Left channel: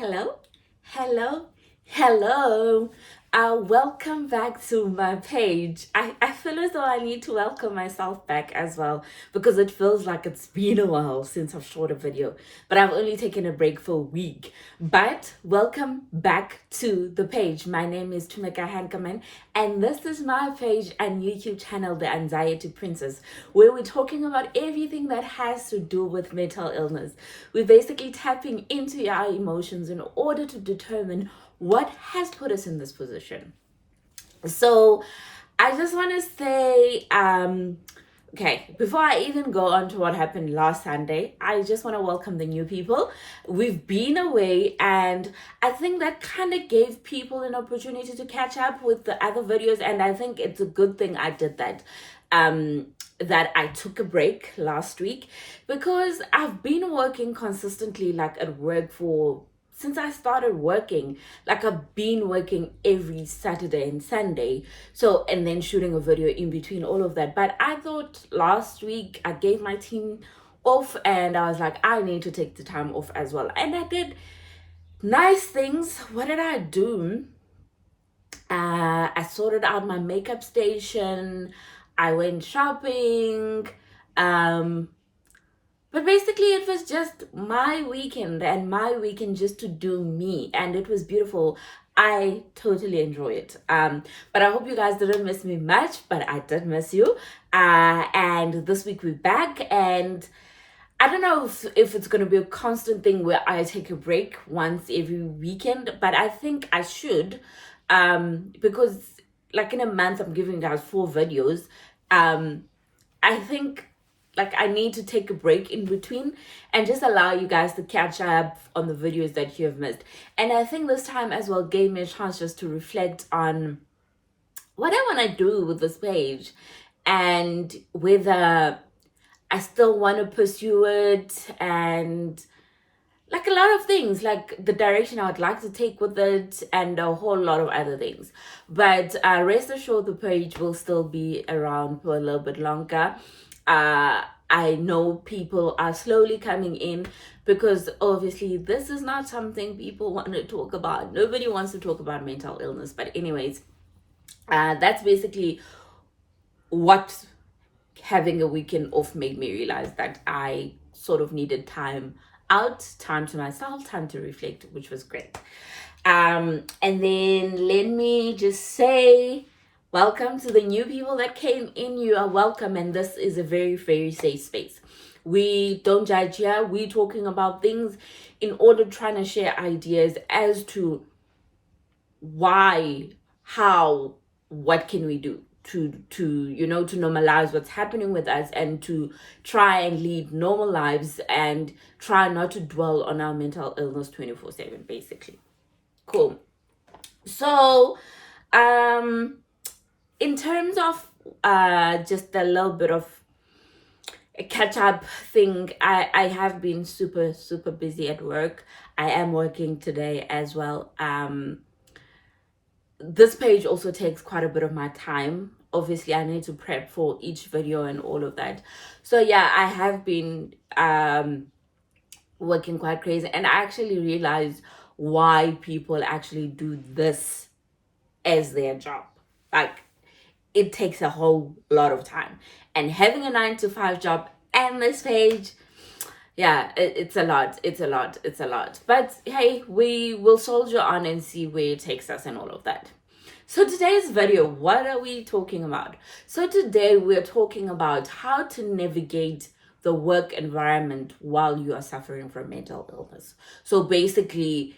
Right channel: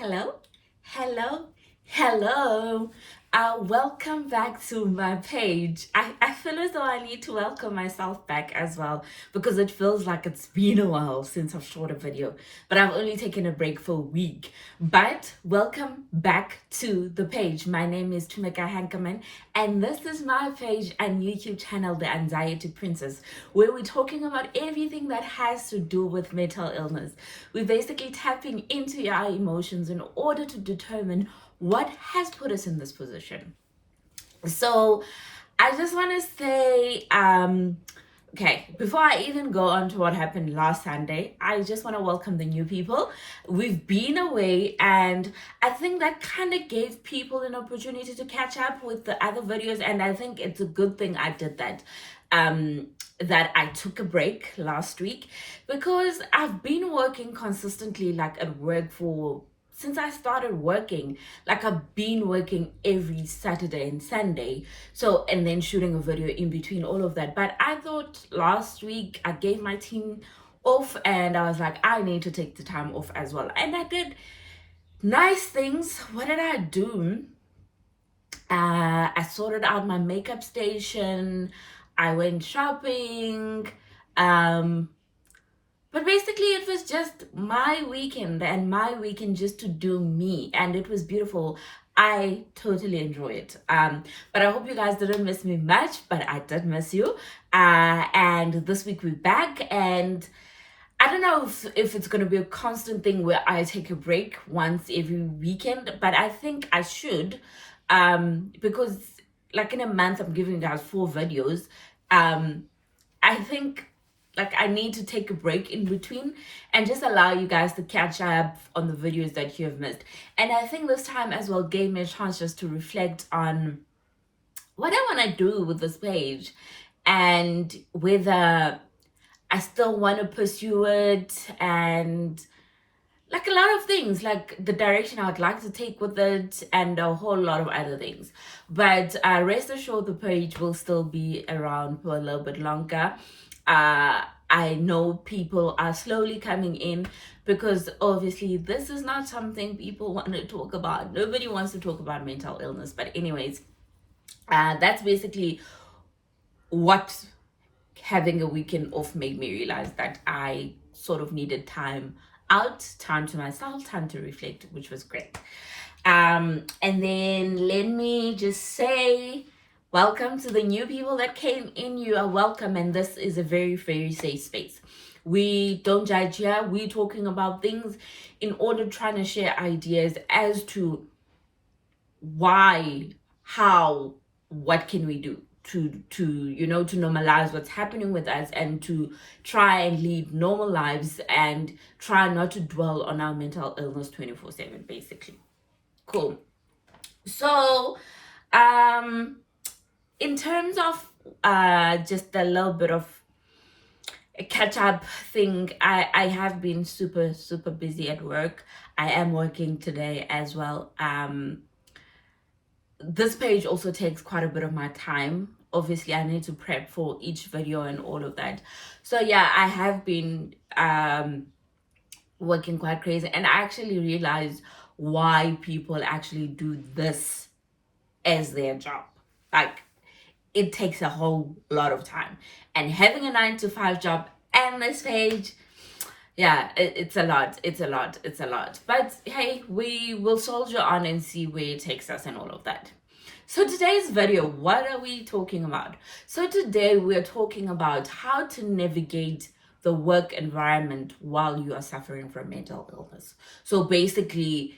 Hello, hello, hello. Welcome back to my page. I feel as though I need to welcome myself back as well because it feels like it's been a while since I've shot a video, but I've only taken a break for a week. But welcome back to the page. My name is Tumeka Hankerman, and this is my page and YouTube channel, The Anxiety Princess, where we're talking about everything that has to do with mental illness. We're basically tapping into our emotions in order to determine what has put us in this position. So I just want to say, okay, before I even go on to what happened last Sunday, I just want to welcome the new people. We've been away, and I think that kind of gave people an opportunity to catch up with the other videos, and I think it's a good thing I did that. That I took a break last week because I've been working consistently, like at work since I started working. Like I've been working every Saturday and Sunday, so, and then shooting a video in between all of that. But I thought last week I gave my team off, and I was like, I need to take the time off as well, and I did nice things. What did I do? I sorted out my makeup station, I went shopping, but basically it was just my weekend, and my weekend just to do me, and it was beautiful. I totally enjoy it. But I hope you guys didn't miss me much, but I did miss you. And this week we're back, and I don't know if it's going to be a constant thing where I take a break once every weekend, but I think I should, because like in a month I'm giving you guys 4 videos. I think like I need to take a break in between and just allow you guys to catch up on the videos that you have missed. And I think this time as well gave me a chance just to reflect on what I want to do with this page, and whether I still want to pursue it, and like a lot of things, like the direction I would like to take with it, and a whole lot of other things. But rest assured, the page will still be around for a little bit longer. I know people are slowly coming in because obviously this is not something people want to talk about. Nobody wants to talk about mental illness. But anyways, that's basically what having a weekend off made me realize, that I sort of needed time out, time to myself, time to reflect, which was great. And then let me just say, welcome to the new people that came in. You are welcome, and this is a very, very safe space. We don't judge here. We're talking about things in order trying to share ideas as to why, how, what can we do to normalize what's happening with us, and to try and lead normal lives, and try not to dwell on our mental illness 24/7, basically. Cool. So in terms of just a little bit of a catch-up thing, I have been super busy at work. I am working today as well. This page also takes quite a bit of my time. Obviously I need to prep for each video and all of that. So yeah, I have been working quite crazy, and I actually realized why people actually do this as their job. Like, it takes a whole lot of time, and having a 9-to-5 job and this page, yeah, it's a lot. But hey, we will soldier on and see where it takes us and all of that. So today's video, what are we talking about? So today we're talking about how to navigate the work environment while you are suffering from mental illness. So basically,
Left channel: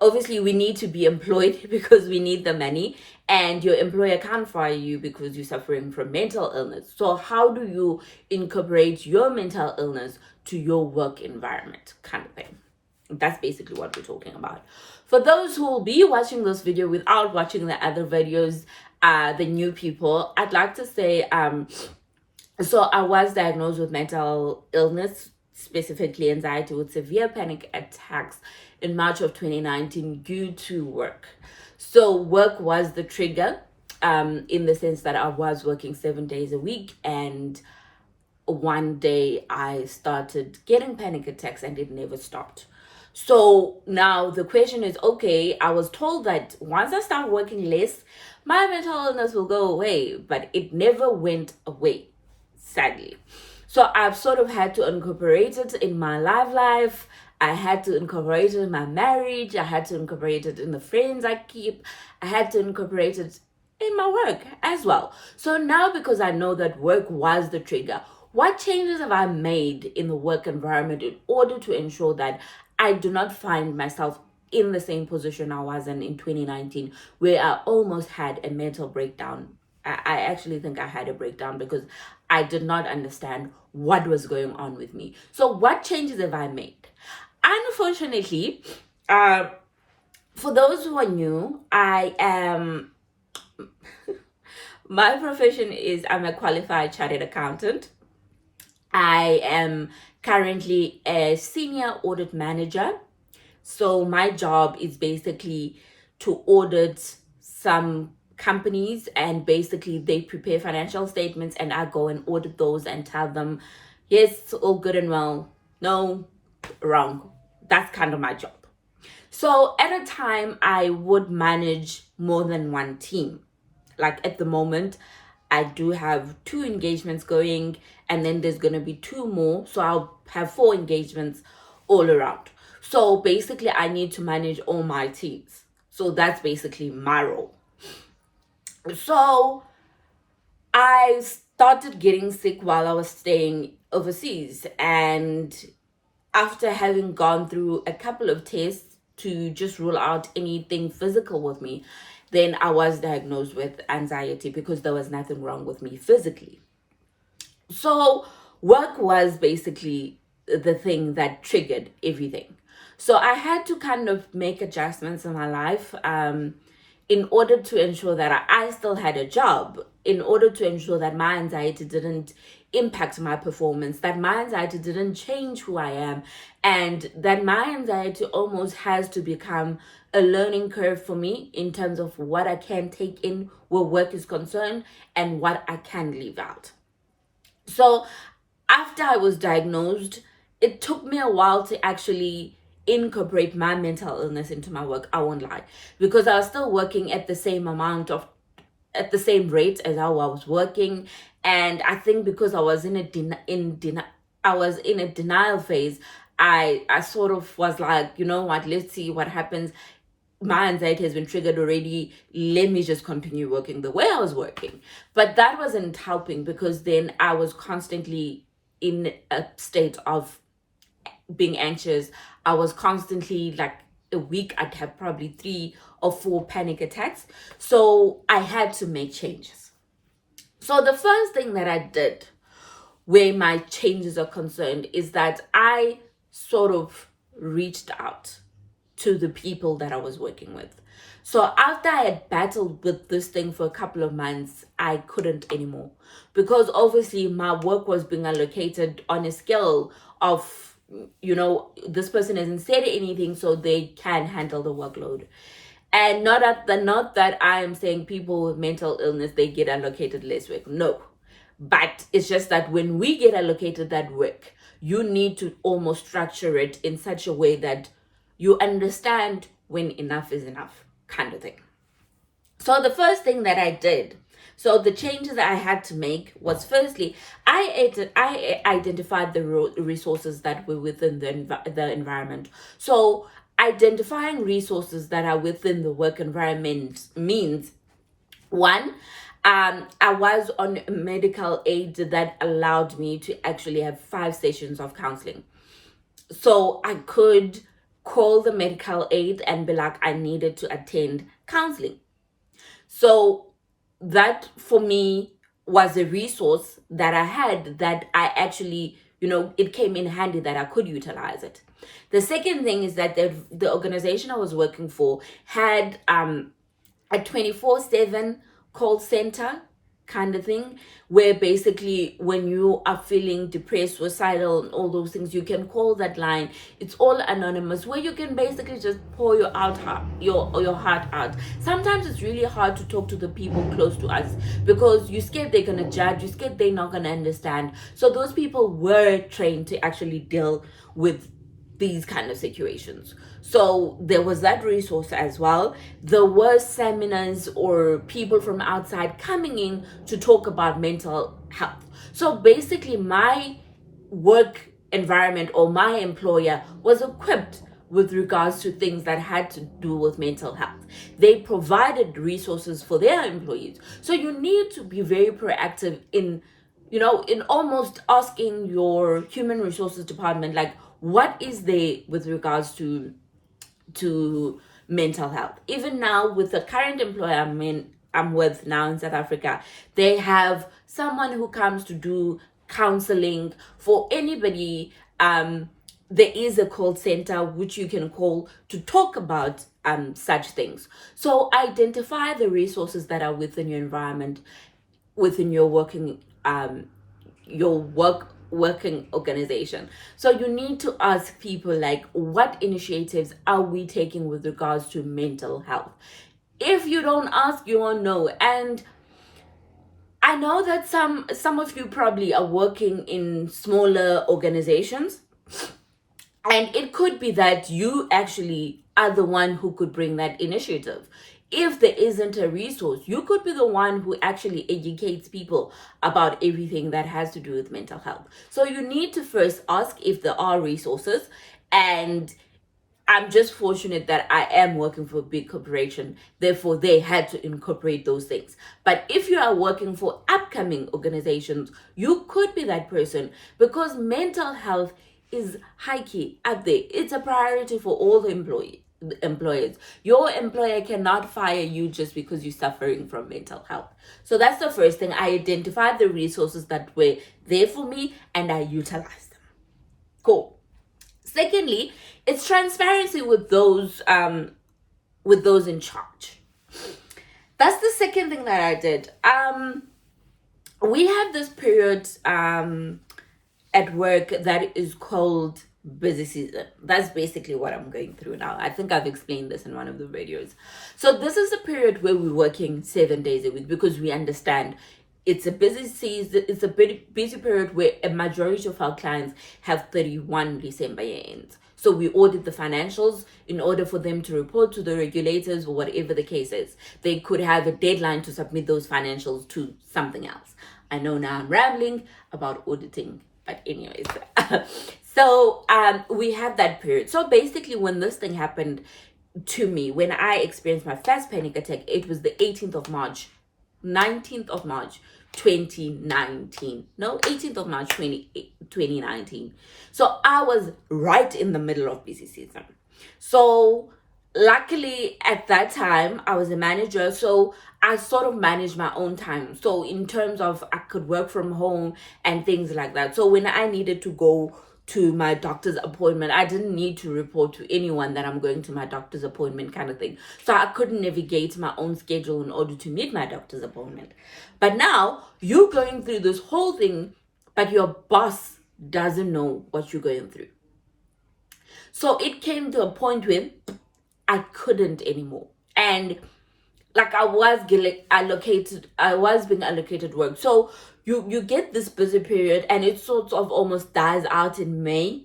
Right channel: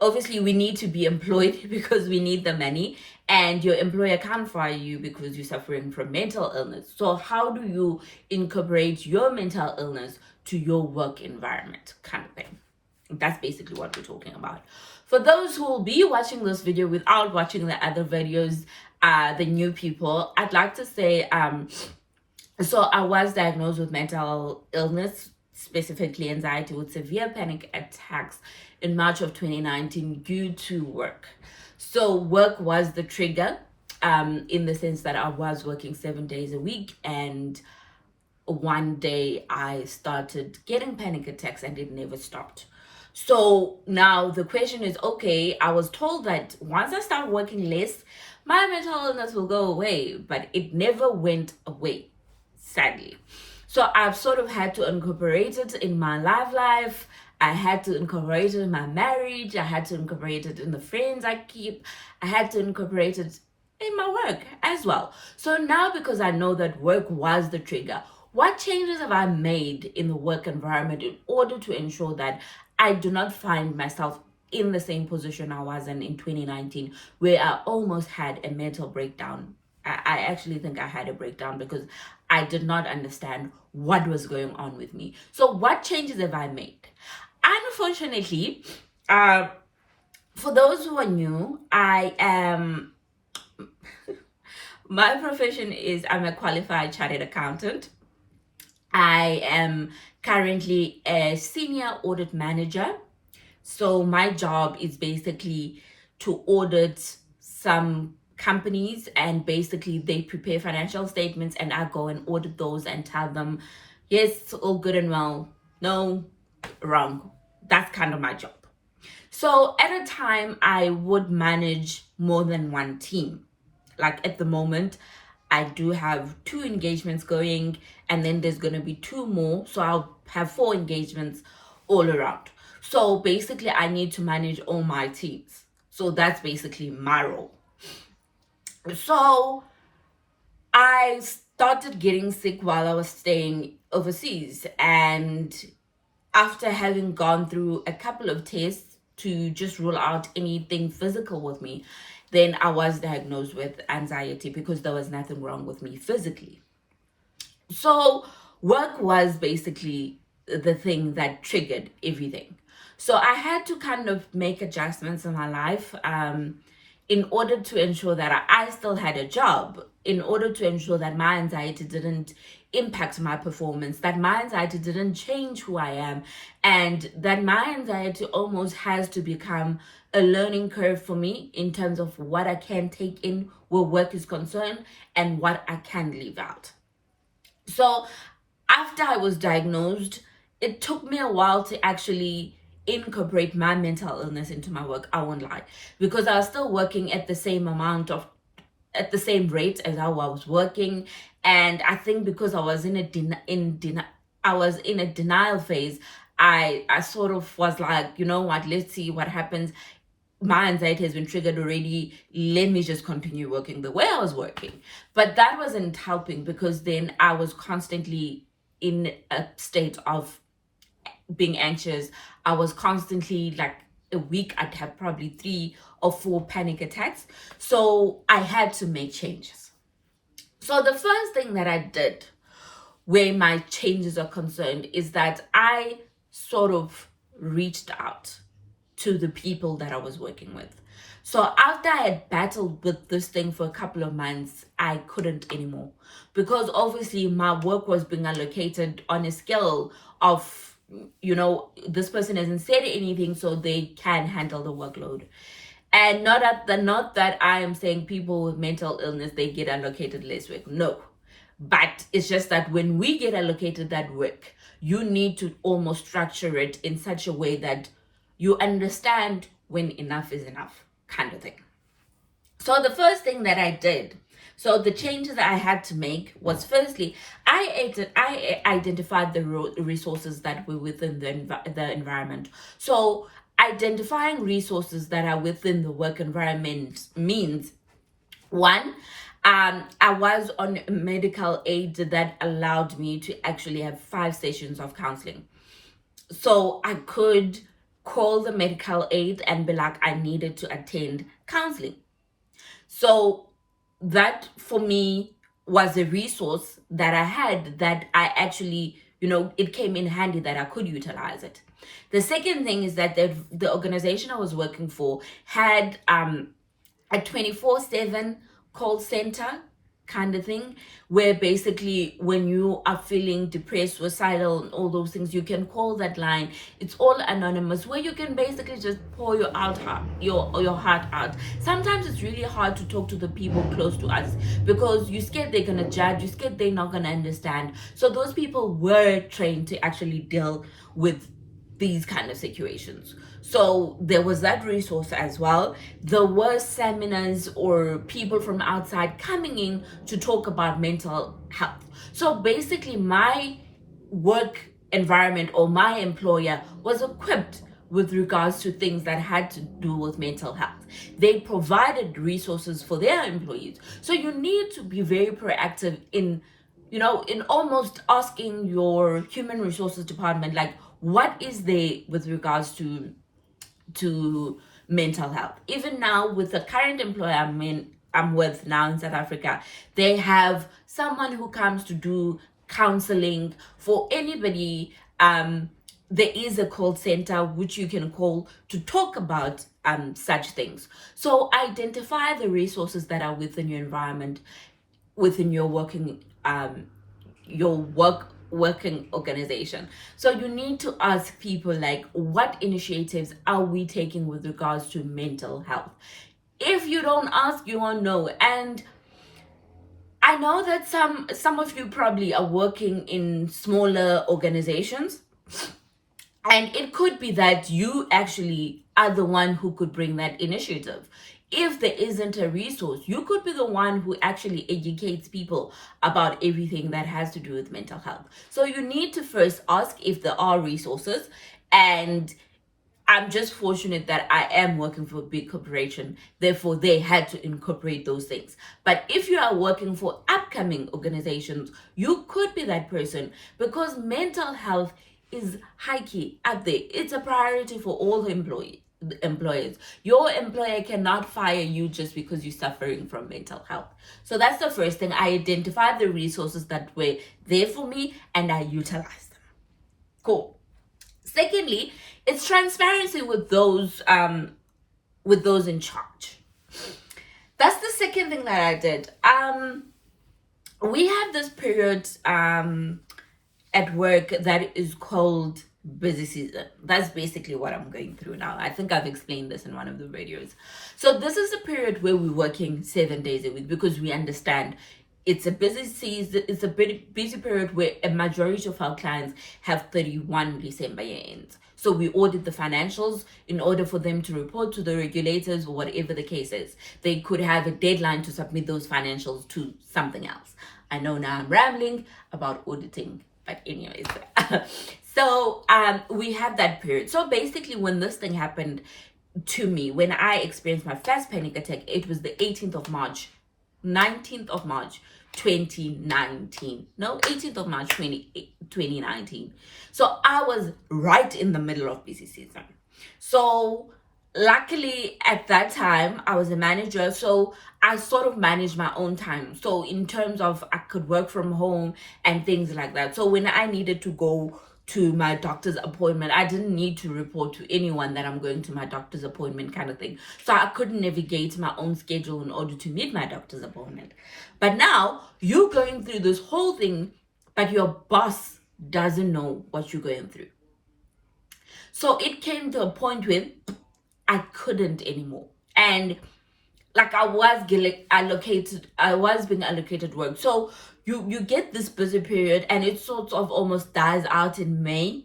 obviously we need to be employed because we need the money, and your employer can't fire you because you're suffering from mental illness. So how do you incorporate your mental illness to your work environment, kind of thing? That's basically what we're talking about. For those who will be watching this video without watching the other videos, the new people, I'd like to say, so I was diagnosed with mental illness, specifically anxiety with severe panic attacks, in March of 2019 due to work. So work was the trigger, in the sense that I was working 7 days a week, and one day I started getting panic attacks and it never stopped. So now the question is, okay, I was told that once I start working less, my mental illness will go away, but it never went away, sadly. So I've sort of had to incorporate it in my life. I had to incorporate it in my marriage. I had to incorporate it in the friends I keep. I had to incorporate it in my work as well. So now, because I know that work was the trigger, what changes have I made in the work environment in order to ensure that I do not find myself in the same position I was in 2019, where I almost had a mental breakdown? I actually think I had a breakdown because I did not understand what was going on with me. So what changes have I made? Unfortunately, for those who are new, I am my profession is I'm a qualified chartered accountant. I am currently a senior audit manager. So my job is basically to audit some companies, and basically they prepare financial statements and I go and audit those and tell them, yes, all good and well, no, wrong. That's kind of my job. So at a time, I would manage more than one team. Like at the moment, I do have 2 engagements going, and then there's going to be 2 more. So I'll have 4 engagements all around. So basically, I need to manage all my teams. So that's basically my role. So I started getting sick while I was staying overseas. And after having gone through a couple of tests to just rule out anything physical with me, then I was diagnosed with anxiety because there was nothing wrong with me physically. So work was basically the thing that triggered everything. So I had to kind of make adjustments in my life in order to ensure that I still had a job, in order to ensure that my anxiety didn't impact my performance, that my anxiety didn't change who I am, and that my anxiety almost has to become a learning curve for me in terms of what I can take in where work is concerned and what I can leave out. So after I was diagnosed, it took me a while to actually incorporate my mental illness into my work. I won't lie, because I was still working at the same at the same rate as how I was working, and I think because I was in a denial phase, I sort of was like, you know what, let's see what happens. My anxiety has been triggered already. Let me just continue working the way I was working. But that wasn't helping, because then I was constantly in a state of being anxious. I was constantly, like, a week I'd have probably 3 or 4 panic attacks. So I had to make changes. So the first thing that I did, where my changes are concerned, is that I sort of reached out to the people that I was working with. So after I had battled with this thing for a couple of months, I couldn't anymore, because obviously my work was being allocated on a scale of, you know, this person hasn't said anything, so they can handle the workload. And not that I am saying people with mental illness, they get allocated less work. No. But it's just that when we get allocated that work, you need to almost structure it in such a way that you understand when enough is enough, kind of thing. So the first thing that I did, so the changes that I had to make was, firstly, I identified the resources that were within the environment. So identifying resources that are within the work environment means, one, I was on medical aid that allowed me to actually have 5 sessions of counseling. So I could call the medical aid and be like, I needed to attend counseling. So that for me was a resource that I had, that I actually, you know, it came in handy that I could utilize it. The second thing is that the organization I was working for had a 24/7 call center kind of thing, where basically when you are feeling depressed, suicidal, and all those things, you can call that line. It's all anonymous, where you can basically just pour your heart out. Sometimes it's really hard to talk to the people close to us, because you're scared they're gonna judge, you're scared they're not gonna understand. So those people were trained to actually deal with these kind of situations. So there was that resource as well. There were seminars or people from outside coming in to talk about mental health. So basically my work environment or my employer was equipped with regards to things that had to do with mental health. They provided resources for their employees. So you need to be very proactive in, in almost asking your human resources department, like, what is there with regards to mental health. Even now with the current employer I'm with now in South Africa, they have someone who comes to do counseling for anybody. There is a call center which you can call to talk about such things. So identify the resources that are within your environment, within your working organization. So you need to ask people, like, what initiatives are we taking with regards to mental health? If you don't ask, you won't know. And I know that some of you probably are working in smaller organizations, and it could be that you actually are the one who could bring that initiative. If there isn't a resource, you could be the one who actually educates people about everything that has to do with mental health. So you need to first ask if there are resources. And I'm just fortunate that I am working for a big corporation. Therefore, they had to incorporate those things. But if you are working for upcoming organizations, you could be that person, because mental health is high key up there. It's a priority for all the employers. Your employer cannot fire you just because you're suffering from mental health. So that's the first thing. I identified the resources that were there for me and I utilized them. Cool. Secondly, it's transparency with those in charge. That's the second thing that I did. We have this period at work that is called busy season. That's basically what I'm going through now. I think I've explained this in one of the videos. So this is a period where we're working 7 days a week, because we understand it's a busy season. It's a busy period where a majority of our clients have 31 December year ends. So we audit the financials in order for them to report to the regulators or whatever the case is. They could have a deadline to submit those financials to something else. I know now I'm rambling about auditing, but anyways. So we have that period. So basically, when this thing happened to me, when I experienced my first panic attack, it was the 19th of March 2019. No, 18th of March 2019. So I was right in the middle of busy season. So luckily at that time I was a manager, so I sort of managed my own time. So in terms of, I could work from home and things like that. So when I needed to go to my doctor's appointment, I didn't need to report to anyone that I'm going to my doctor's appointment, kind of thing. So I could navigate my own schedule in order to meet my doctor's appointment. But now you're going through this whole thing, but your boss doesn't know what you're going through. So it came to a point where I couldn't anymore. And like I was being allocated work. So you get this busy period, and it sort of almost dies out in May.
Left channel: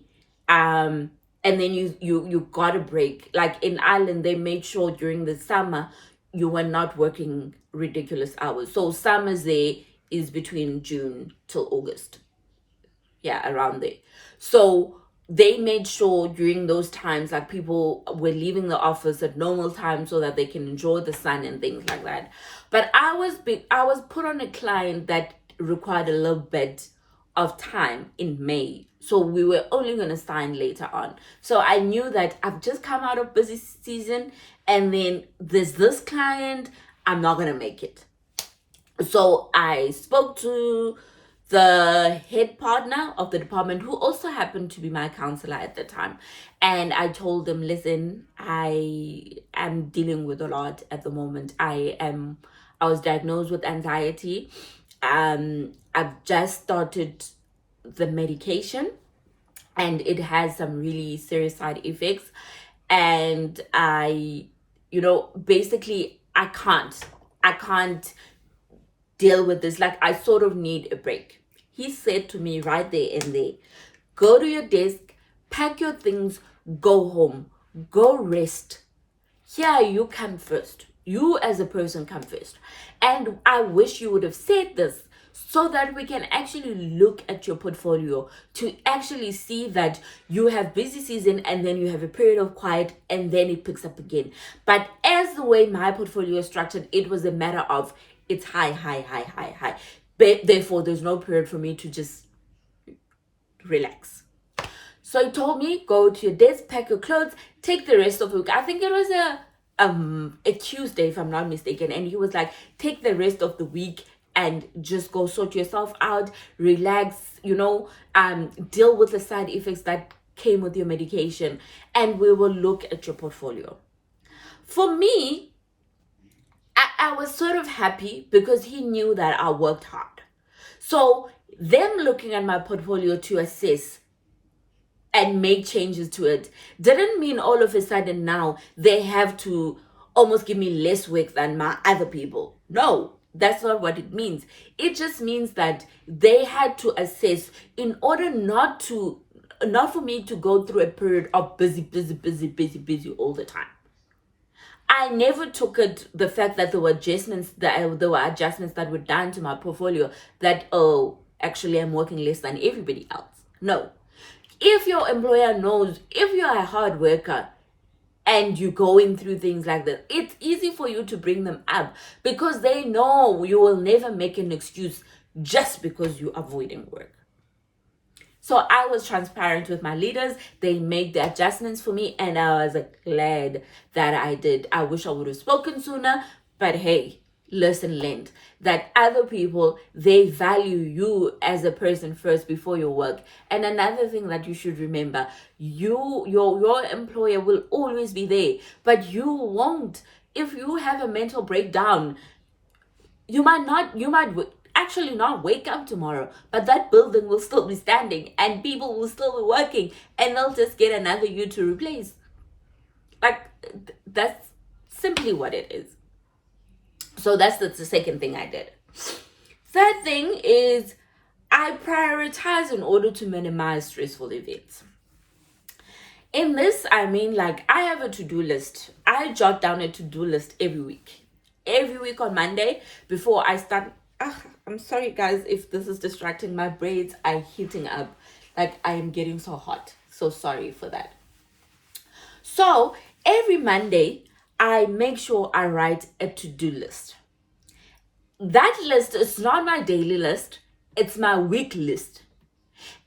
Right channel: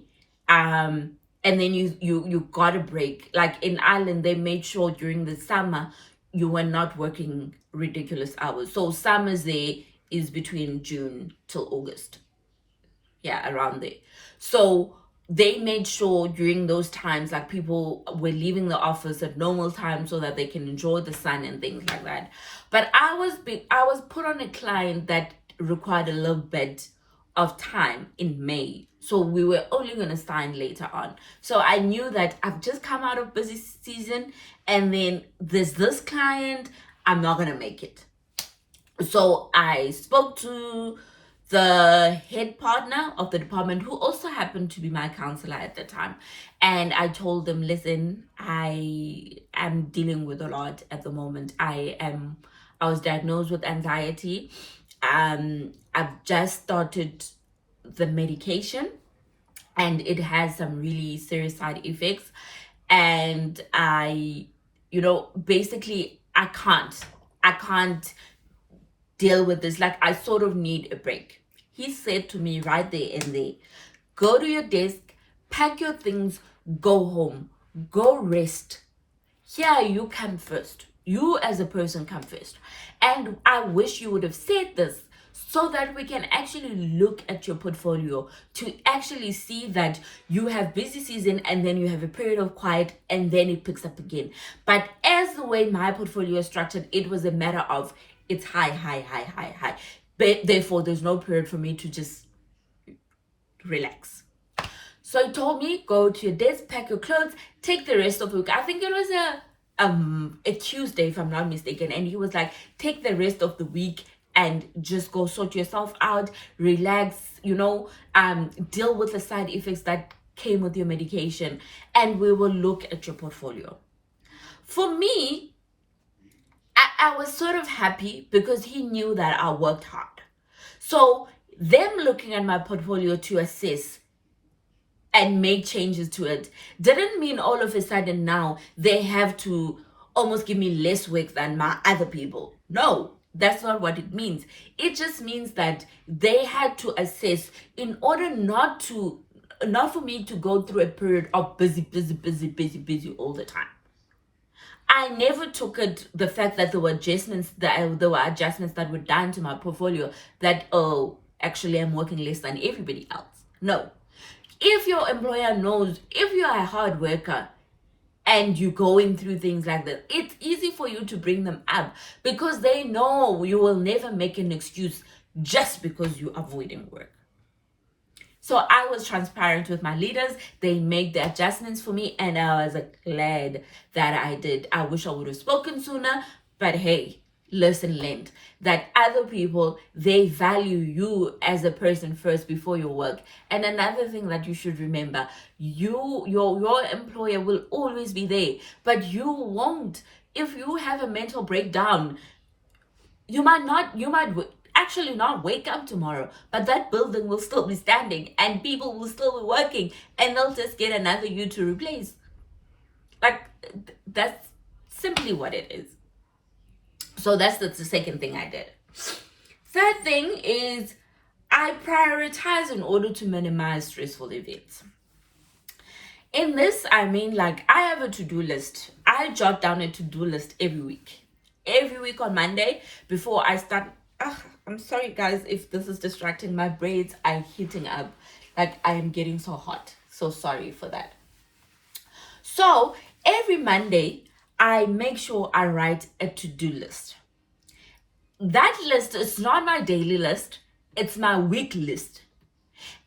And then you got a break. Like in Ireland, they made sure during the summer you were not working ridiculous hours. So summers there is between June till August. Yeah, around there. So they made sure during those times, like, people were leaving the office at normal time so that they can enjoy the sun and things like that. But I was put on a client that required a little bit of time in May. So we were only going to sign later on. So I knew that I've just come out of busy season, and then there's this client, I'm not going to make it. So I spoke to the head partner of the department, who also happened to be my counselor at the time. And I told them, listen, I am dealing with a lot at the moment. I was diagnosed with anxiety. I've just started the medication, and it has some really serious side effects. And basically I can't deal with this. Like, I sort of need a break. He said to me right there and there, go to your desk, pack your things, go home, go rest. Here, you come first. You as a person come first. And I wish you would have said this so that we can actually look at your portfolio to actually see that you have busy season and then you have a period of quiet and then it picks up again. But as the way my portfolio is structured, it was a matter of it's high, high, high, high, high. But therefore, there's no period for me to just relax. So he told me, go to your desk, pack your clothes, take the rest of the week. I think it was a Tuesday, if I'm not mistaken. And he was like, take the rest of the week and just go sort yourself out, relax, deal with the side effects that came with your medication, and we will look at your portfolio. For me, I was sort of happy because he knew that I worked hard. So them looking at my portfolio to assess and make changes to it didn't mean all of a sudden now they have to almost give me less work than my other people. No, that's not what it means. It just means that they had to assess in order not for me to go through a period of busy all the time. I never took it, the fact that there were adjustments that were done to my portfolio that, oh, actually I'm working less than everybody else. No. If your employer knows, if you're a hard worker and you're going through things like that, it's easy for you to bring them up because they know you will never make an excuse just because you're avoiding work. So I was transparent with my leaders. They made the adjustments for me and I was glad that I did. I wish I would have spoken sooner, but hey, lesson learned that other people, they value you as a person first before your work. And another thing that you should remember, your employer will always be there, but you won't. If you have a mental breakdown, you might actually not wake up tomorrow, but that building will still be standing and people will still be working and they'll just get another you to replace. Like, that's simply what it is. So that's the second thing I did. Third thing is I prioritize in order to minimize stressful events. In this, I mean, like, I have a to-do list. I jot down a to-do list every week. Every week on Monday before I start. I'm sorry, guys, if this is distracting. My braids are heating up. Like, I am getting so hot. So sorry for that. So every Monday, I make sure I write a to-do list. That list is not my daily list. It's my week list.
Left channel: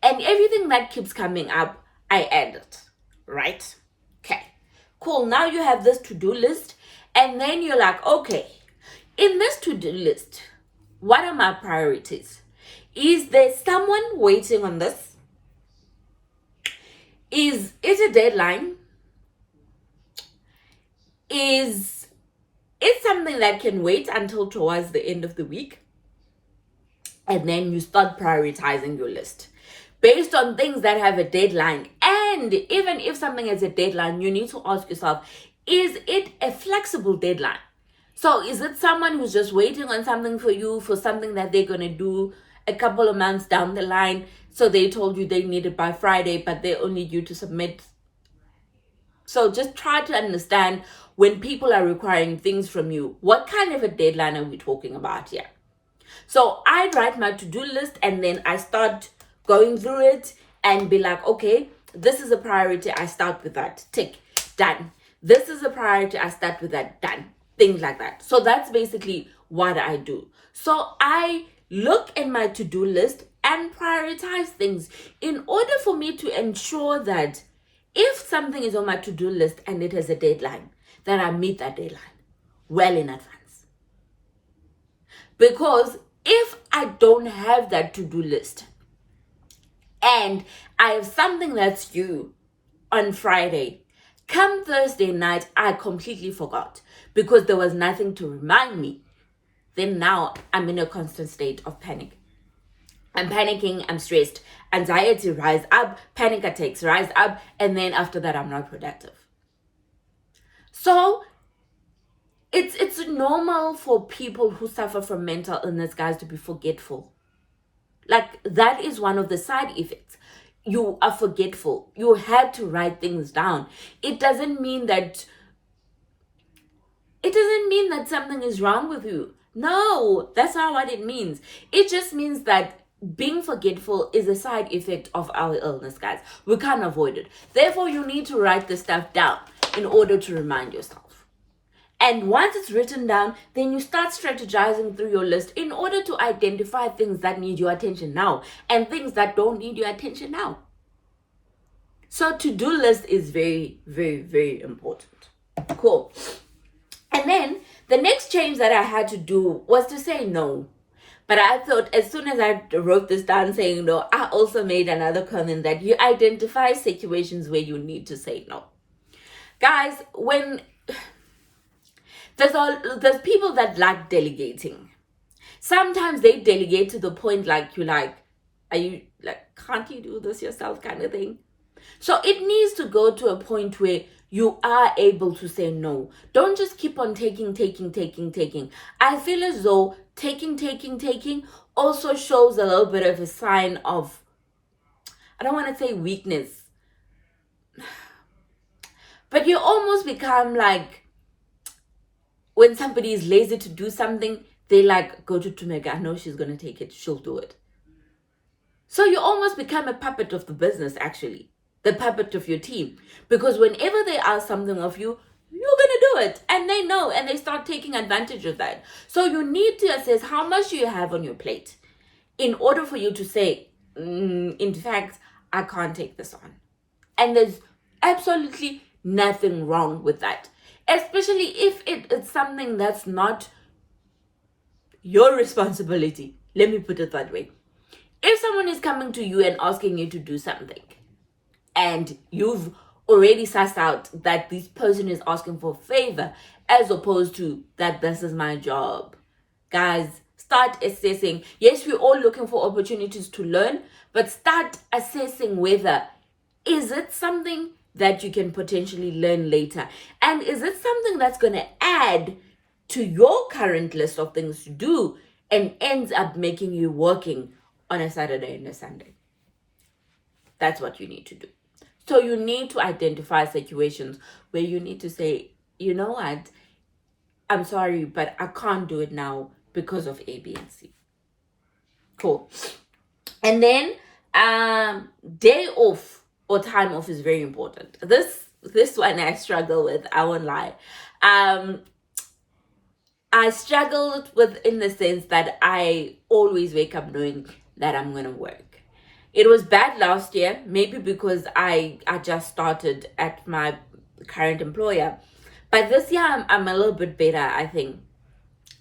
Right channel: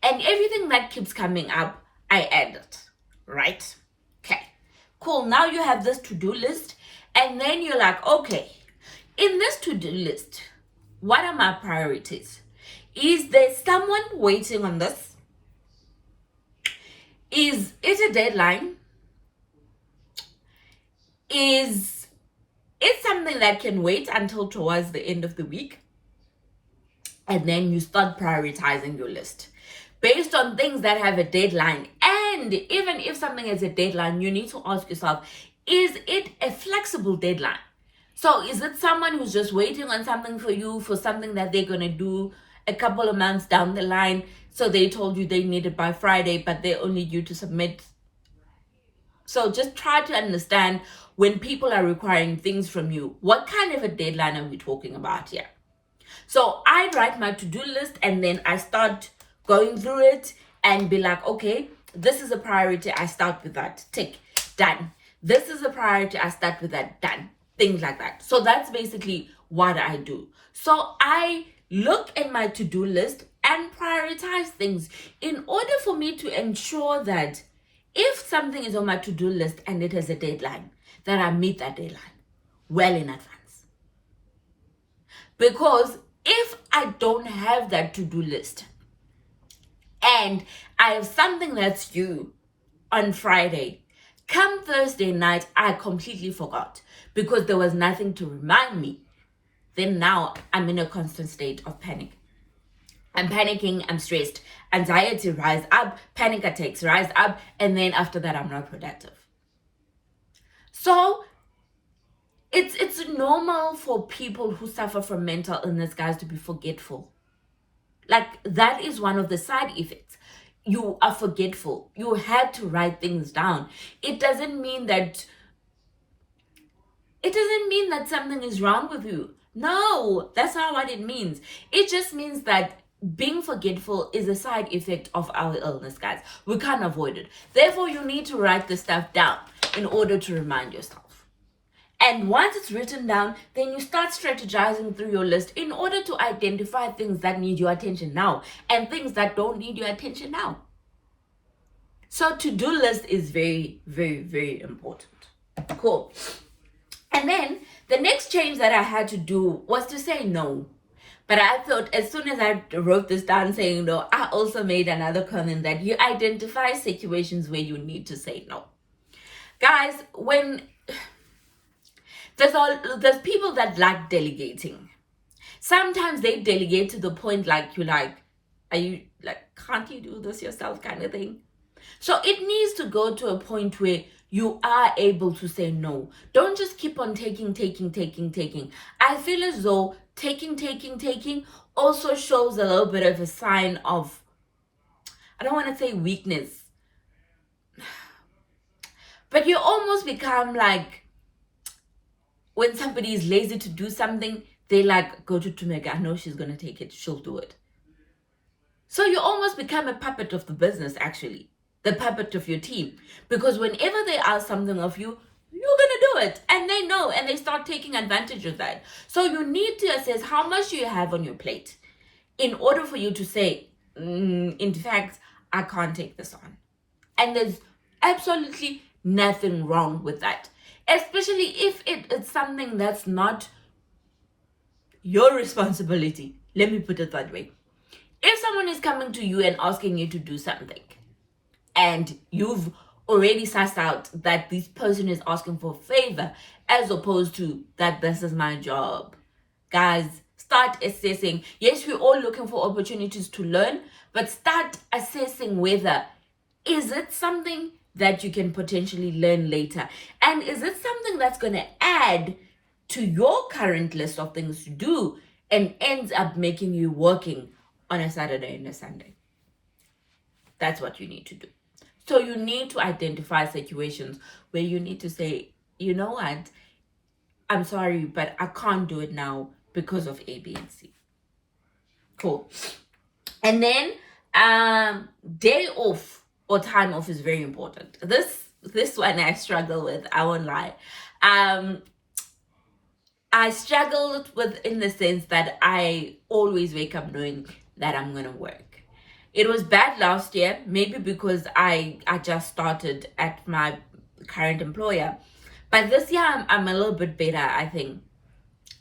And everything that keeps coming up, I add it. Right? Okay. Cool. Now you have this to-do list. And then you're like, okay, in this to-do list, what are my priorities? Is there someone waiting on this? Is it a deadline? Is it something that can wait until towards the end of the week? And then you start prioritizing your list based on things that have a deadline. And even if something has a deadline, you need to ask yourself, is it a flexible deadline? So is it someone who's just waiting on something for you for something that they're going to do a couple of months down the line? So they told you they need it by Friday, but they're only due to submit. So just try to understand when people are requiring things from you, what kind of a deadline are we talking about here? So I write my to-do list and then I start going through it and be like, okay, this is a priority. I start with that. Tick, done. This is a priority. I start with that. Done. Things like that. So that's basically what I do. So I look at my to-do list and prioritize things in order for me to ensure that if something is on my to-do list and it has a deadline, that I meet that deadline well in advance. Because if I don't have that to-do list and I have something that's due on Friday, come Thursday night, I completely forgot because there was nothing to remind me. Then now I'm in a constant state of panic. I'm panicking, I'm stressed, anxiety rise up, panic attacks rise up, and then after that, I'm not productive. So it's normal for people who suffer from mental illness, guys, to be forgetful. Like, that is one of the side effects. you are forgetful. You had to write things down. It doesn't mean that something is wrong with you. No, that's not what it means. It just means that being forgetful is a side effect of our illness, guys. We can't avoid it. Therefore, you need to write the stuff down in order to remind yourself. And once it's written down, then you start strategizing through your list in order to identify things that need your attention now and things that don't need your attention now. So to-do list is very, very, very important. Cool. And then the next change that I had to do was to say no. But I thought as soon as I wrote this down saying no, I also made another comment that you identify situations where you need to say no. Guys, when there's people that like delegating. Sometimes they delegate to the point like you're like, are you like, can't you do this yourself kind of thing? So it needs to go to a point where you are able to say no. Don't just keep on taking. I feel as though taking also shows a little bit of a sign of, I don't want to say weakness, but you almost become like, when somebody is lazy to do something, they like, go to Tumeka, I know she's going to take it, she'll do it. So you almost become a puppet of the business, actually. The puppet of your team. Because whenever they ask something of you, you're going to do it. And they know, and they start taking advantage of that. So you need to assess how much you have on your plate in order for you to say, in fact, I can't take this on. And there's absolutely nothing wrong with that. Especially if it's something that's not your responsibility. Let me put it that way. If someone is coming to you and asking you to do something, and you've already sussed out that this person is asking for a favor, as opposed to that this is my job, guys, start assessing. Yes, we're all looking for opportunities to learn, but start assessing whether, is it something that you can potentially learn later? And is it something that's going to add to your current list of things to do and ends up making you working on a Saturday and a Sunday? That's what you need to do. So you need to identify situations where you need to say, you know what, I'm sorry, but I can't do it now because of A, B, and C. Cool. And then day off or time off is very important. This one I struggle with, I won't lie. I struggled with in the sense that I always wake up knowing that I'm going to work. It was bad last year, maybe because I just started at my current employer. But this year, I'm a little bit better, I think.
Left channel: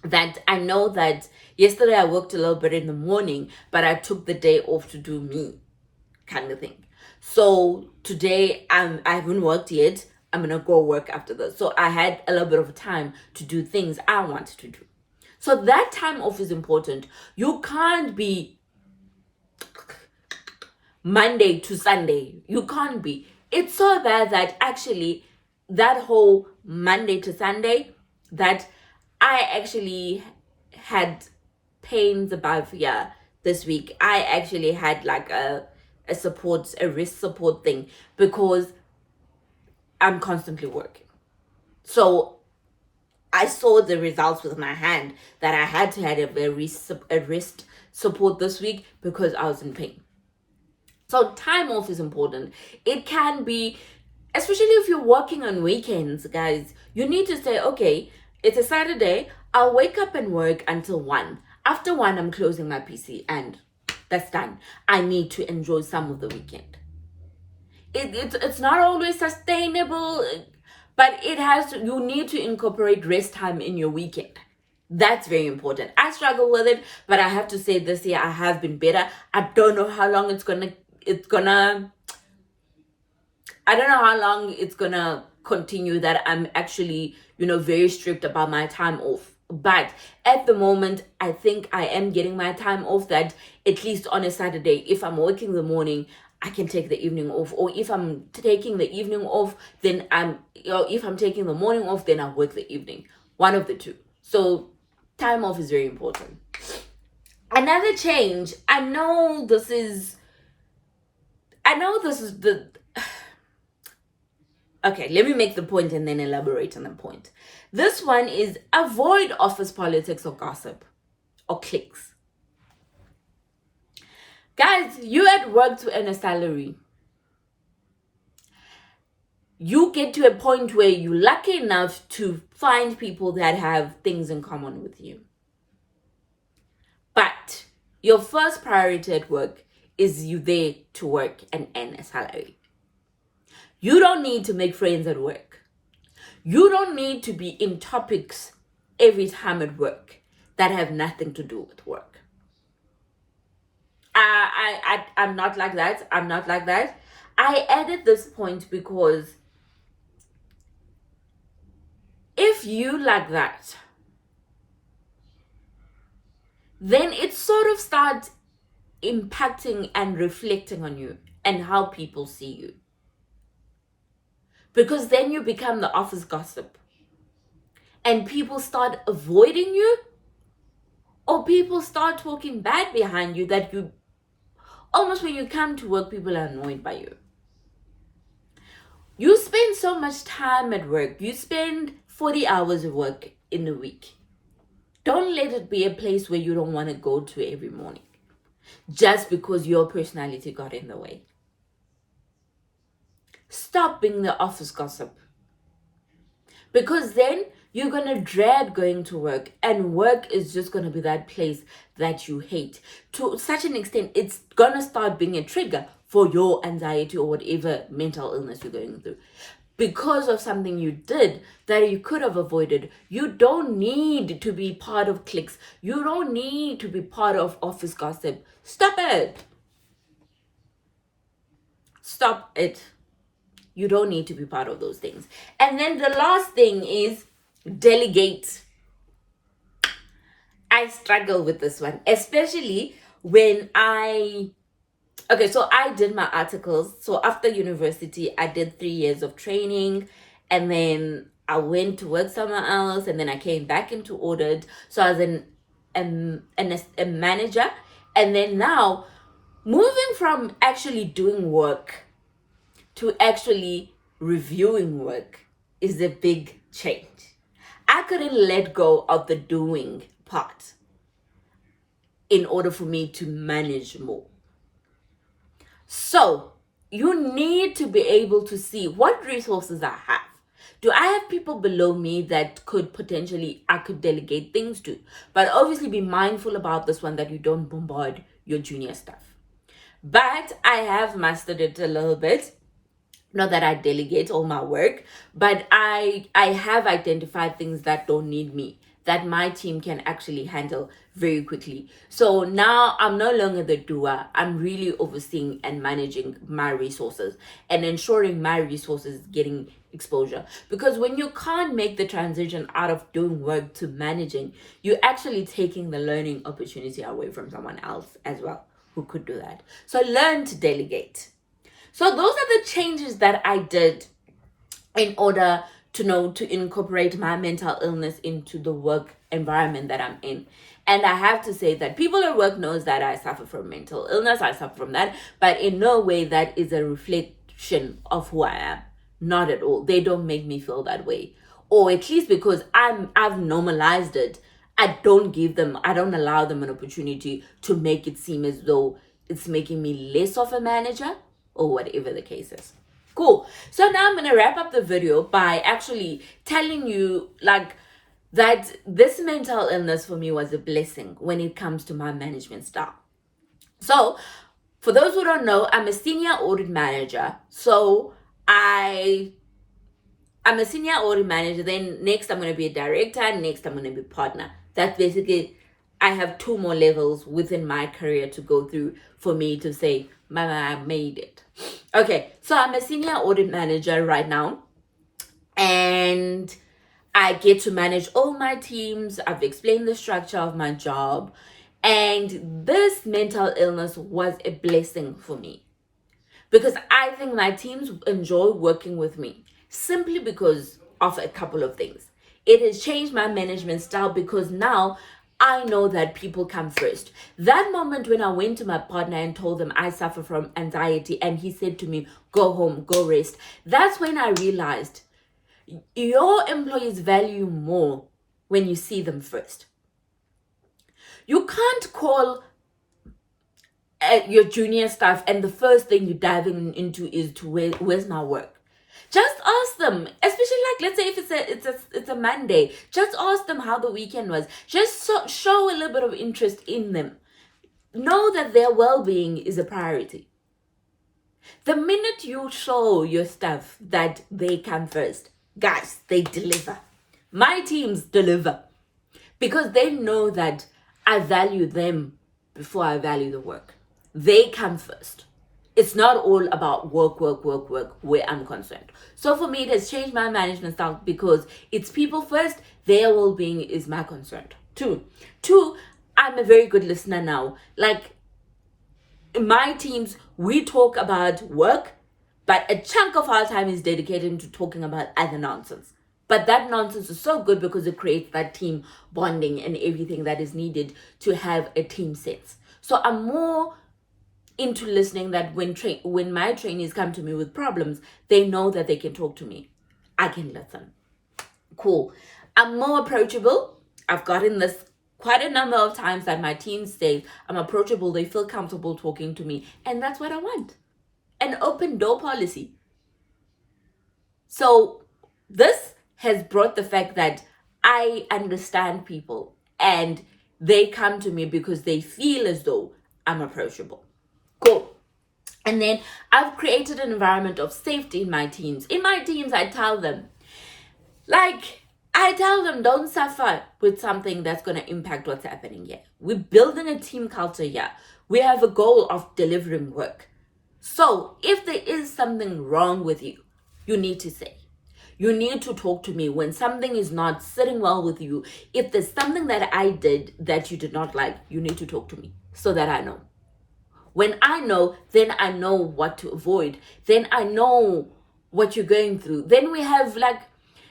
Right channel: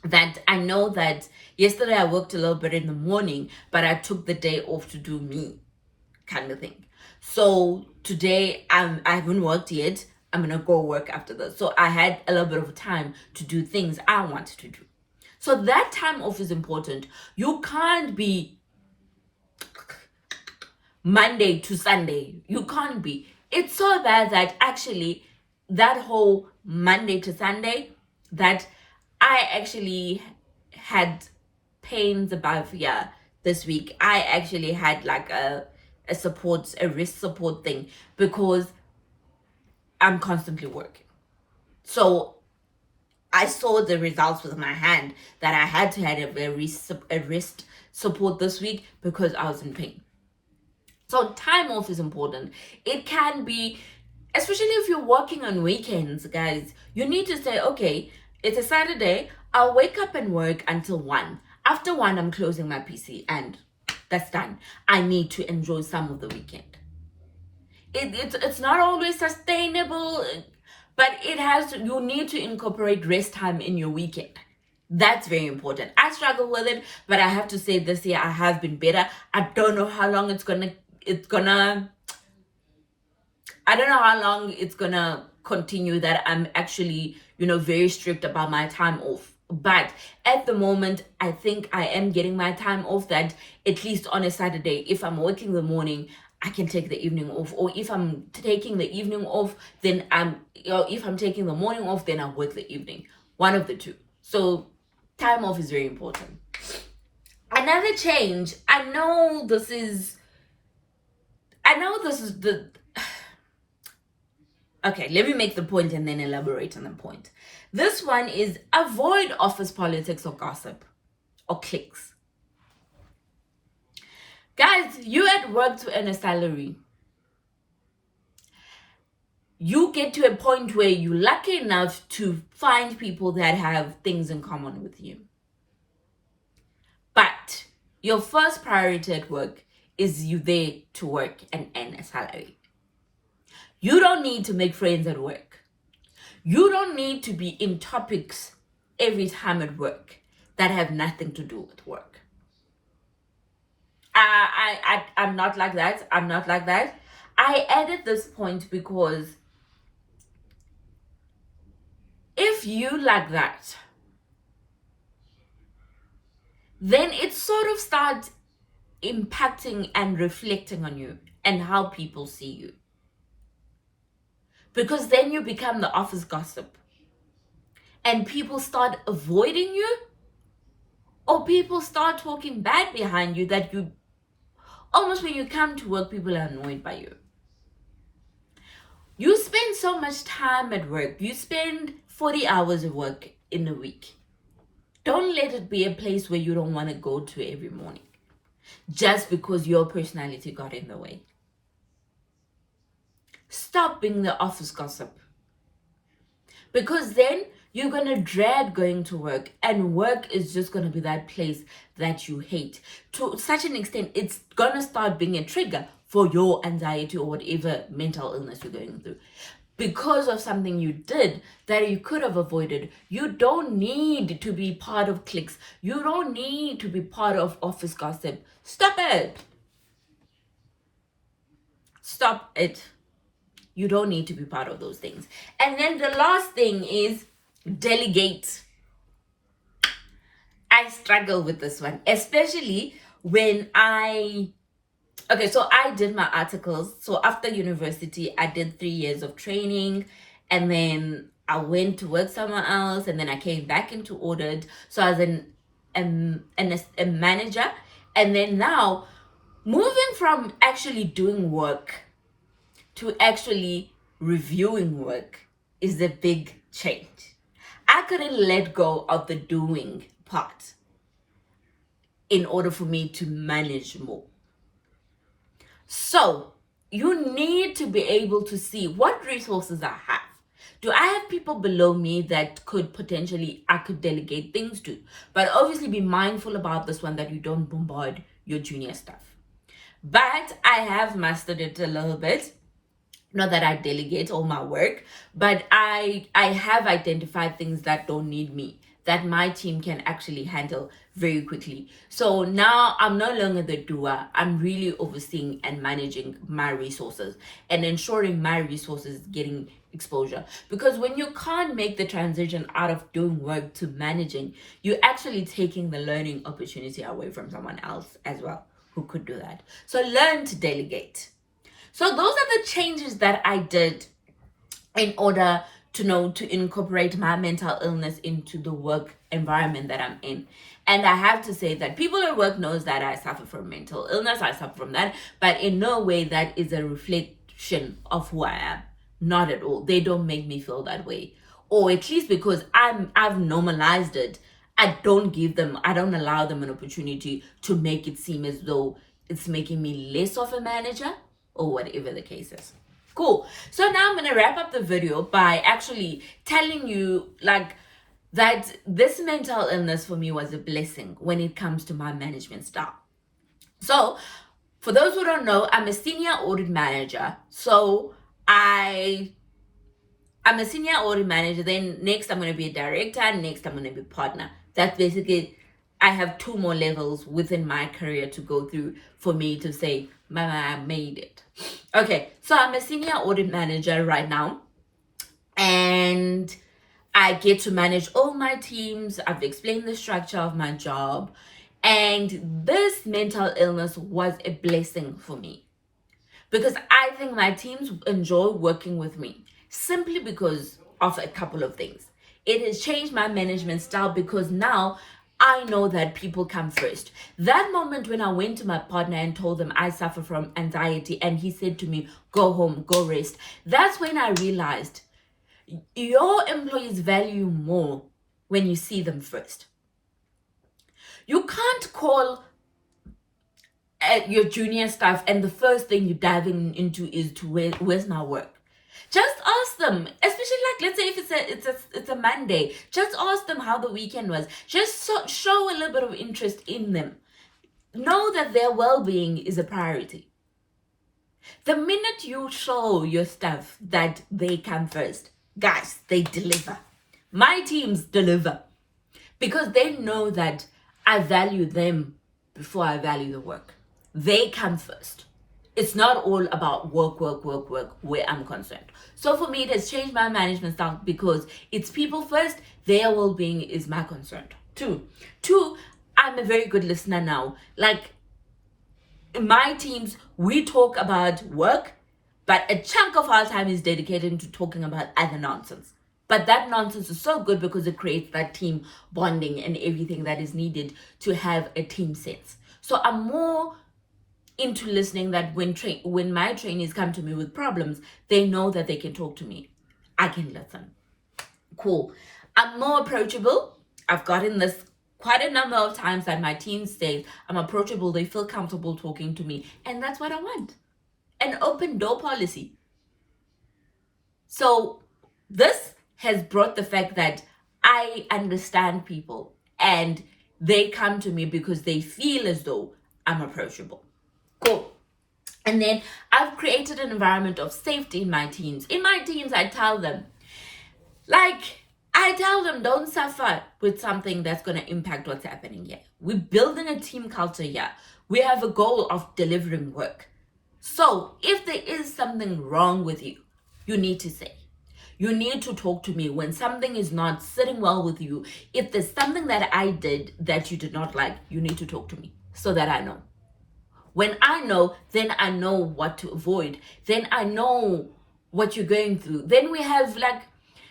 That I know that yesterday I worked a little bit in the morning, but I took the day off to do me, kind of thing. So today, I haven't worked yet. I'm going to go work after this. So I had a little bit of time to do things I wanted to do. So that time off is important. You can't be Monday to Sunday. You can't be. It's so bad that actually that whole Monday to Sunday, that I actually had pains above here this week. I actually had like a wrist support thing because I'm constantly working. So I saw the results with my hand that I had to have a wrist support this week because I was in pain. So time off is important. It can be, especially if you're working on weekends, guys, you need to say, okay, it's a Saturday, I'll wake up and work until 1. After 1, I'm closing my PC and that's done. I need to enjoy some of the weekend. It's not always sustainable, but you need to incorporate rest time in your weekend. That's very important. I struggle with it, but I have to say this year I have been better. I don't know how long it's gonna continue that I'm actually, very strict about my time off. But at the moment, I think I am getting my time off, that at least on a Saturday, if I'm working the morning, I can take the evening off. Or if I'm taking the evening off, then if I'm taking the morning off, then I'll work the evening. One of the two. So time off is very important. Another change, I know I know this is the okay, let me make the point and then elaborate on the point. This one is avoid office politics or gossip or cliques. Guys, you at work to earn a salary. You get to a point where you're lucky enough to find people that have things in common with you. But your first priority at work is you there to work and earn a salary. You don't need to make friends at work. You don't need to be in topics every time at work that have nothing to do with work. I'm not like that. I'm not like that. I added this point because if you like that, then it sort of starts impacting and reflecting on you and how people see you. Because then you become the office gossip. And people start avoiding you, or people start talking bad behind you that you almost when you come to work, people are annoyed by you. You spend so much time at work. You spend 40 hours of work in a week. Don't let it be a place where you don't want to go to every morning just because your personality got in the way. Stop being the office gossip. Because then you're going to dread going to work, and work is just going to be that place that you hate. To such an extent, it's going to start being a trigger for your anxiety or whatever mental illness you're going through. Because of something you did that you could have avoided. You don't need to be part of cliques. You don't need to be part of office gossip. Stop it. Stop it. You don't need to be part of those things. And then the last thing is delegate. I struggle with this one, especially when okay, so I did my articles. So after university, I did 3 years of training, and then I went to work somewhere else, and then I came back into audit. So I was a manager, and then now moving from actually doing work to actually reviewing work is a big change. I couldn't let go of the doing part in order for me to manage more. So you need to be able to see what resources I have. Do I have people below me that I could delegate things to? But obviously be mindful about this one, that you don't bombard your junior staff. But I have mastered it a little bit. Not that I delegate all my work, but I have identified things that don't need me, that my team can actually handle very quickly. So now I'm no longer the doer. I'm really overseeing and managing my resources and ensuring my resources getting exposure. Because when you can't make the transition out of doing work to managing, you're actually taking the learning opportunity away from someone else as well who could do that. So learn to delegate. So those are the changes that I did in order to incorporate my mental illness into the work environment that I'm in. And I have to say that people at work knows that I suffer from mental illness. I suffer from that, but in no way that is a reflection of who I am. Not at all. They don't make me feel that way. Or at least because I've normalized it. I don't allow them an opportunity to make it seem as though it's making me less of a manager, or whatever the case is. Cool. So now I'm going to wrap up the video by actually telling you that this mental illness for me was a blessing when it comes to my management style. So for those who don't know, I'm a senior audit manager. So I'm a senior audit manager. Then next I'm going to be a director. Next I'm going to be partner. That's basically, I have 2 more levels within my career to go through for me to say, Mama, I made it. Okay, so I'm a senior audit manager right now, and I get to manage all my teams. I've explained the structure of my job, and this mental illness was a blessing for me because I think my teams enjoy working with me simply because of a couple of things. It has changed my management style because now I know that people come first. That moment when I went to my partner and told him I suffer from anxiety, and he said to me, go home, go rest. That's when I realized your employees value more when you see them first. You can't call your junior staff and the first thing you're diving into is to where's my work. Just ask them, especially like, let's say if it's a Monday, just ask them how the weekend was. Just show a little bit of interest in them. Know that their well-being is a priority. The minute you show your staff that they come first, guys, they deliver. My teams deliver because they know that I value them before I value the work. They come first. It's not all about work where I'm concerned. So for me, it has changed my management style because it's people first. Their well-being is my concern. Two, I'm a very good listener now. Like in my teams, we talk about work, but a chunk of our time is dedicated to talking about other nonsense. But that nonsense is so good because it creates that team bonding and everything that is needed to have a team sense. So I'm more into listening, that when my trainees come to me with problems, they know that they can talk to me. I can listen. Cool. I'm more approachable. I've gotten this quite a number of times that my team says I'm approachable. They feel comfortable talking to me. And that's what I want. An open door policy. So this has brought the fact that I understand people and they come to me because they feel as though I'm approachable. Cool. And then I've created an environment of safety in my teams. In my teams, I tell them, don't suffer with something that's going to impact what's happening here. We're building a team culture here. We have a goal of delivering work. So if there is something wrong with you, you need to say. You need to talk to me when something is not sitting well with you. If there's something that I did that you did not like, you need to talk to me so that I know. When I know, then I know what to avoid. Then I know what you're going through. Then we have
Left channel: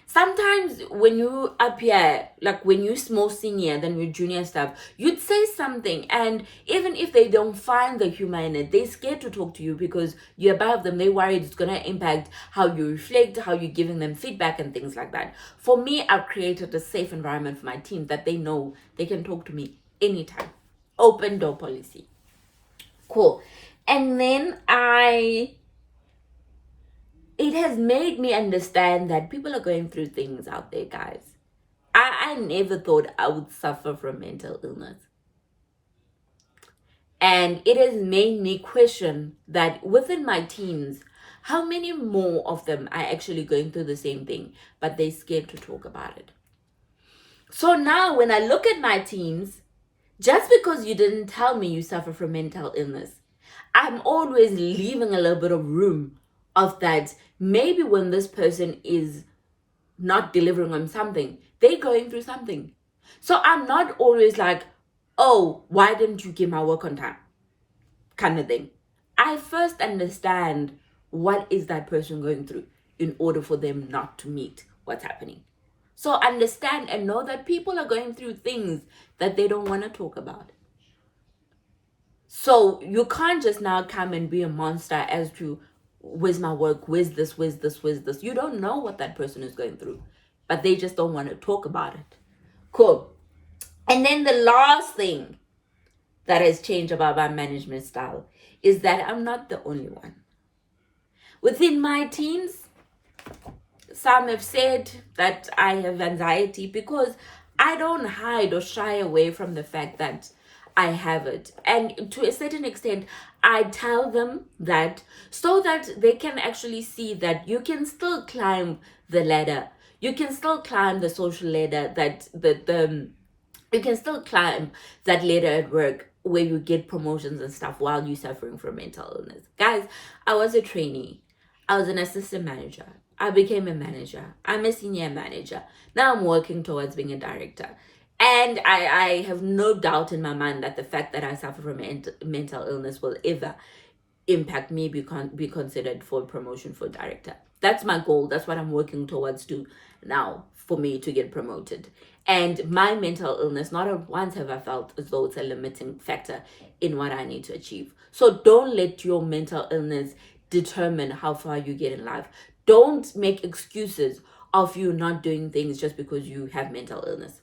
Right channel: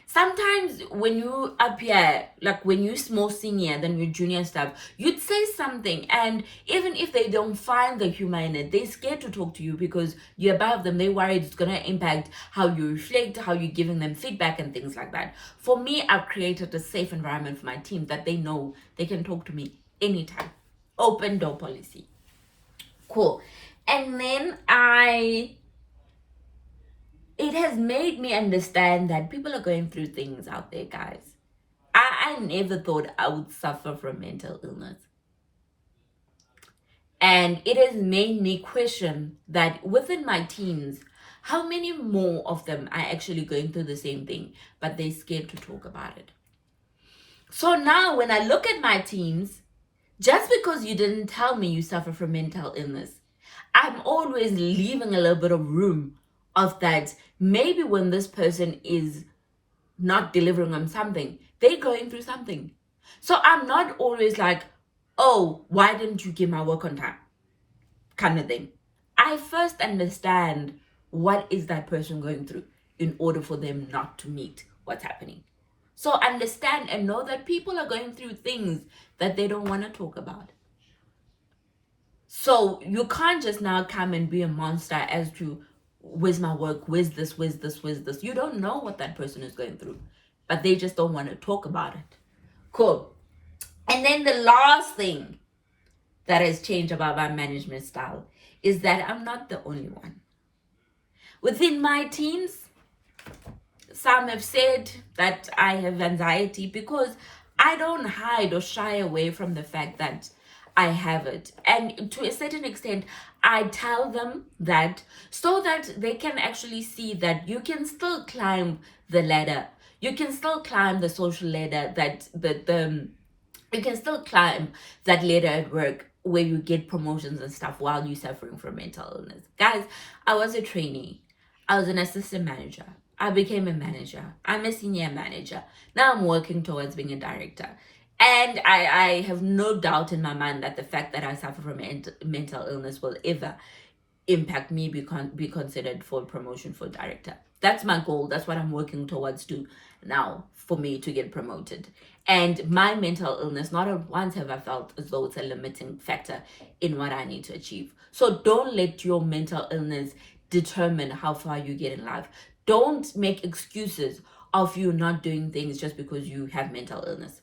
sometimes when you appear, when you're more senior than your junior staff, you'd say something. And even if they don't find the humor in it, they're scared to talk to you because you're above them. They're worried it's going to impact how you reflect, how you're giving them feedback and things like that. For me, I've created a safe environment for my team that they know they can talk to me anytime. Open door policy. Cool. And then it has made me understand that people are going through things out there, guys. I never thought I would suffer from mental illness. And it has made me question that within my teams, how many more of them are actually going through the same thing, but they're scared to talk about it. So now when I look at my teams, just because you didn't tell me you suffer from mental illness, I'm always leaving a little bit of room of that. Maybe when this person is not delivering on something, they're going through something. So I'm not always like, oh, why didn't you give my work on time? Kind of thing. I first understand what is that person going through in order for them not to meet what's happening. So understand and know that people are going through things that they don't want to talk about. So you can't just now come and be a monster as to where's my work, where's this. You don't know what that person is going through, but they just don't want to talk about it. Cool. And then the last thing that has changed about my management style is that I'm not the only one. Within my teams, some have said that I have anxiety because I don't hide or shy away from the fact that I have it. And to a certain extent, I tell them that so that they can actually see that you can still climb the ladder. You can still climb the social ladder, you can still climb that ladder at work where you get promotions and stuff while you're suffering from mental illness. Guys, I was a trainee. I was an assistant manager. I became a manager. I'm a senior manager. Now I'm working towards being a director. And I have no doubt in my mind that the fact that I suffer from mental illness will ever impact me be considered for promotion for director. That's my goal. That's what I'm working towards to now for me to get promoted. And my mental illness, not at once have I felt as though it's a limiting factor in what I need to achieve. So don't let your mental illness determine how far you get in life. Don't make excuses of you not doing things just because you have mental illness.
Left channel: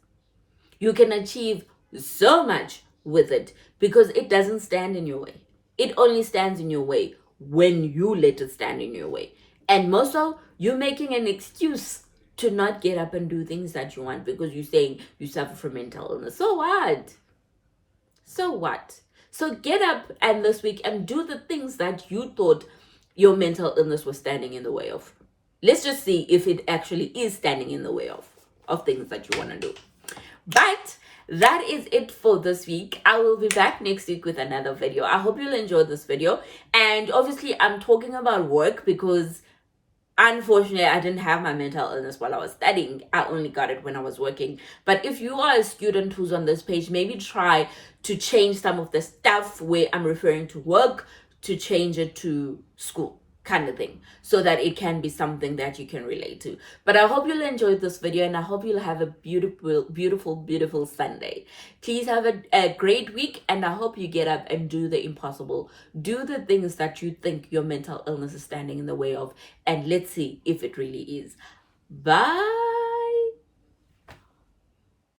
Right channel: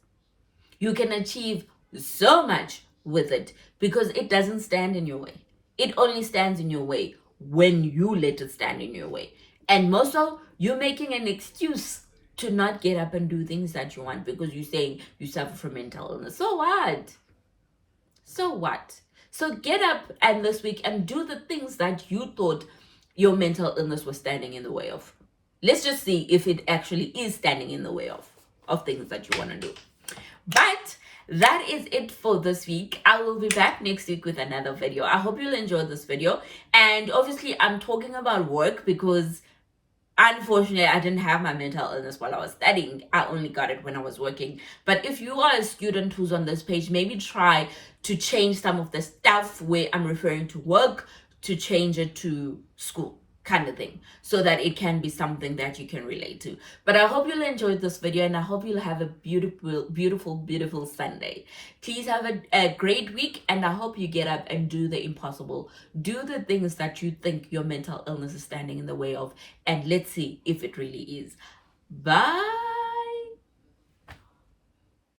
You can achieve so much with it because it doesn't stand in your way. It only stands in your way when you let it stand in your way. And most of you're making an excuse to not get up and do things that you want because you're saying you suffer from mental illness. So what? So what? So get up and this week and do the things that you thought your mental illness was standing in the way of. Let's just see if it actually is standing in the way of things that you want to do. But that is it for this week. I will be back next week with another video. I hope you'll enjoy this video. And obviously I'm talking about work because unfortunately I didn't have my mental illness while I was studying. I only got it when I was working. But if you are a student who's on this page, maybe try to change some of the stuff where I'm referring to work to change it to school kind of thing, so that it can be something that you can relate to. But I hope you'll enjoy this video, and I hope you'll have a beautiful Sunday. Please have a great week, and I hope you get up and do the impossible. Do the things that you think your mental illness is standing in the way of, and let's see if it really is. Bye.